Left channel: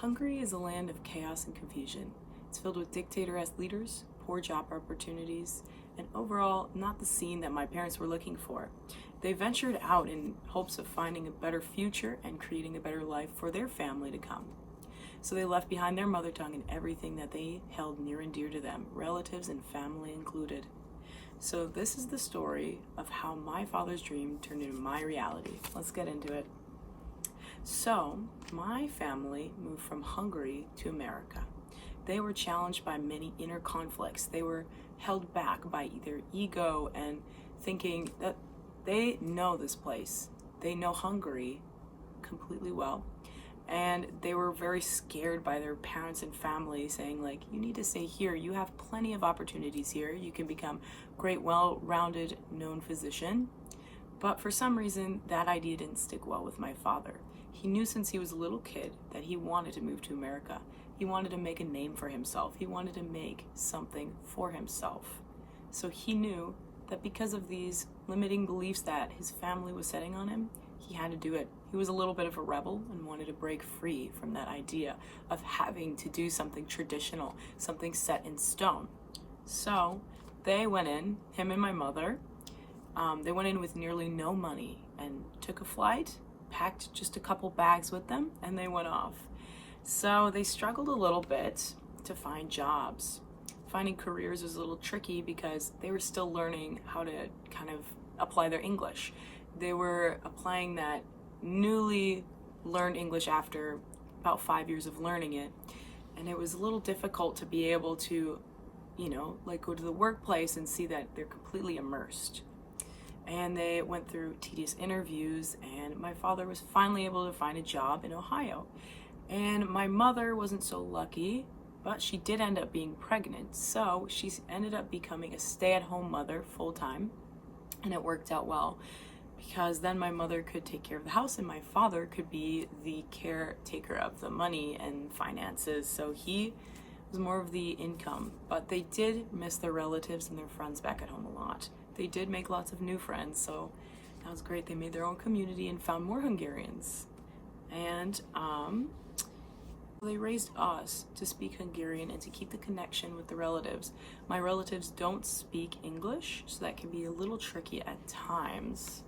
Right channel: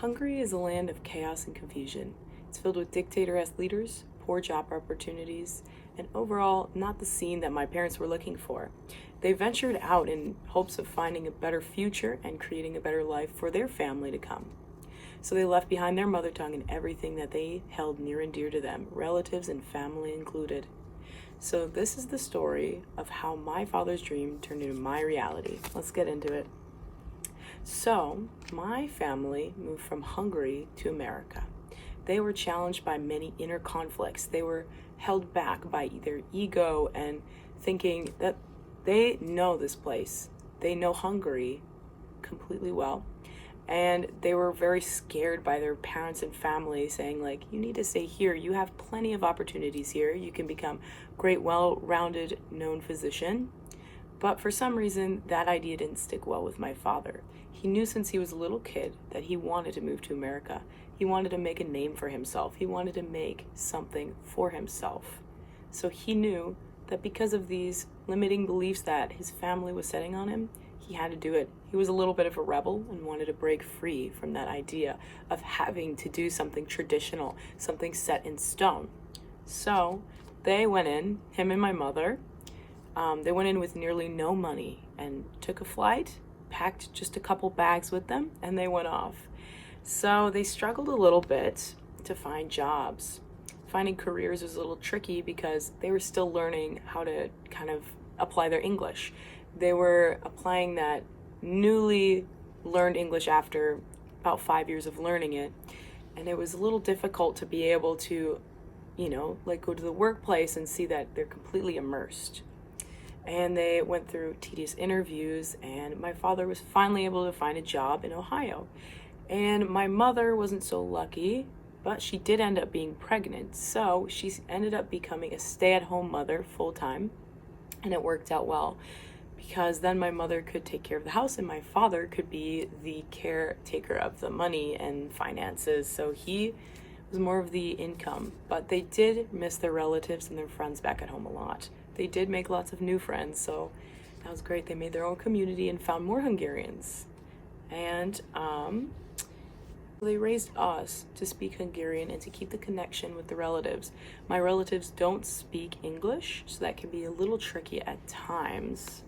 Hungary is a land of chaos and confusion. It's filled with dictator-esque leaders, poor job opportunities, and overall not the scene that my parents were looking for. They ventured out in hopes of finding a better future and creating a better life for their family to come. So they left behind their mother tongue and everything that they held near and dear to them, relatives and family included. So this is the story of how my father's dream turned into my reality. Let's get into it. So my family moved from Hungary to America. They were challenged by many inner conflicts. They were held back by their ego and thinking that they know this place. They know Hungary completely well. And they were very scared by their parents and family saying, like, you need to stay here. You have plenty of opportunities here. You can become a great, well-rounded, known physician. But for some reason, that idea didn't stick well with my father. He knew since he was a little kid that he wanted to move to America. He wanted to make a name for himself. He wanted to make something for himself. So he knew that because of these limiting beliefs that his family was setting on him, he had to do it. He was a little bit of a rebel and wanted to break free from that idea of having to do something traditional, something set in stone. So they went in, him and my mother, they went in with nearly no money and took a flight, packed just a couple bags with them, and they went off. So they struggled a little bit to find jobs. Finding careers was a little tricky because they were still learning how to kind of apply their English. They were applying that newly learned English after about 5 years of learning it. And it was a little difficult to be able to, go to the workplace and see that they're completely immersed. And they went through tedious interviews, and my father was finally able to find a job in Ohio. And my mother wasn't so lucky, but she did end up being pregnant. So she ended up becoming a stay-at-home mother full-time, and it worked out well because then my mother could take care of the house and my father could be the caretaker of the money and finances. So he was more of the income, but they did miss their relatives and their friends back at home a lot. They did make lots of new friends, so that was great. They made their own community and found more Hungarians. And they raised us to speak Hungarian and to keep the connection with the relatives. My relatives don't speak English, so that can be a little tricky at times.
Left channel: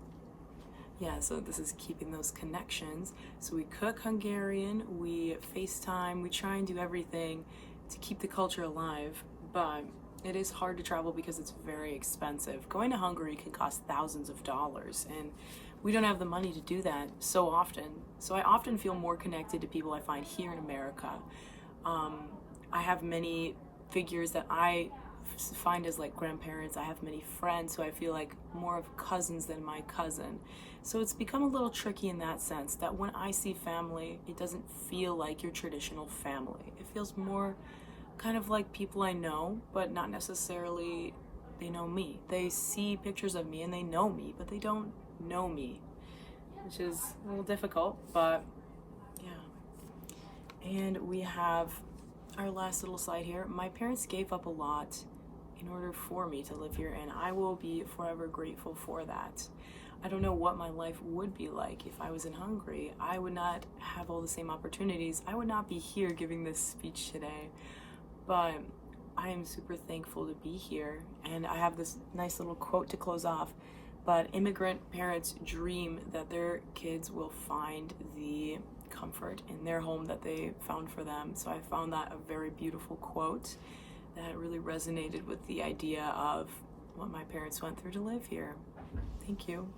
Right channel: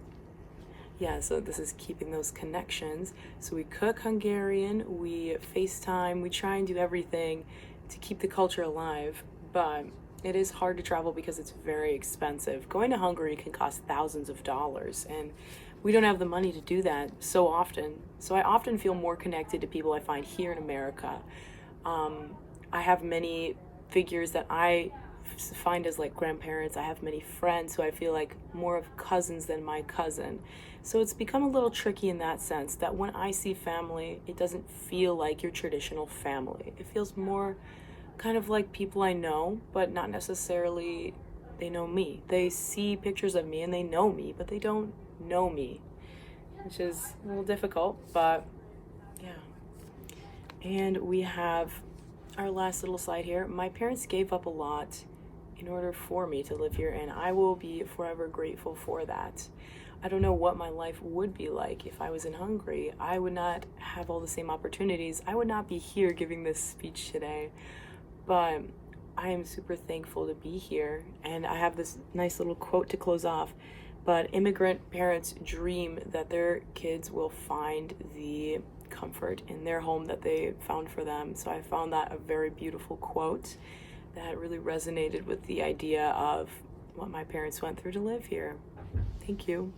Yeah, so this is keeping those connections. So we cook Hungarian, we FaceTime, we try and do everything to keep the culture alive, but it is hard to travel because it's very expensive. Going to Hungary can cost thousands of dollars, and we don't have the money to do that so often. So I often feel more connected to people I find here in America. I have many figures that I find as like grandparents. I have many friends who I feel like more of cousins than my cousin. So it's become a little tricky in that sense that when I see family, it doesn't feel like your traditional family. It feels more kind of like people I know, but not necessarily they know me. They see pictures of me and they know me, but they don't know me, which is a little difficult, but yeah. And we have our last little slide here. My parents gave up a lot in order for me to live here, and I will be forever grateful for that. I don't know what my life would be like if I was in Hungary. I would not have all the same opportunities. I would not be here giving this speech today, but I am super thankful to be here. And I have this nice little quote to close off. But immigrant parents dream that their kids will find the comfort in their home that they found for them. So I found that a very beautiful quote that really resonated with the idea of what my parents went through to live here. Thank you.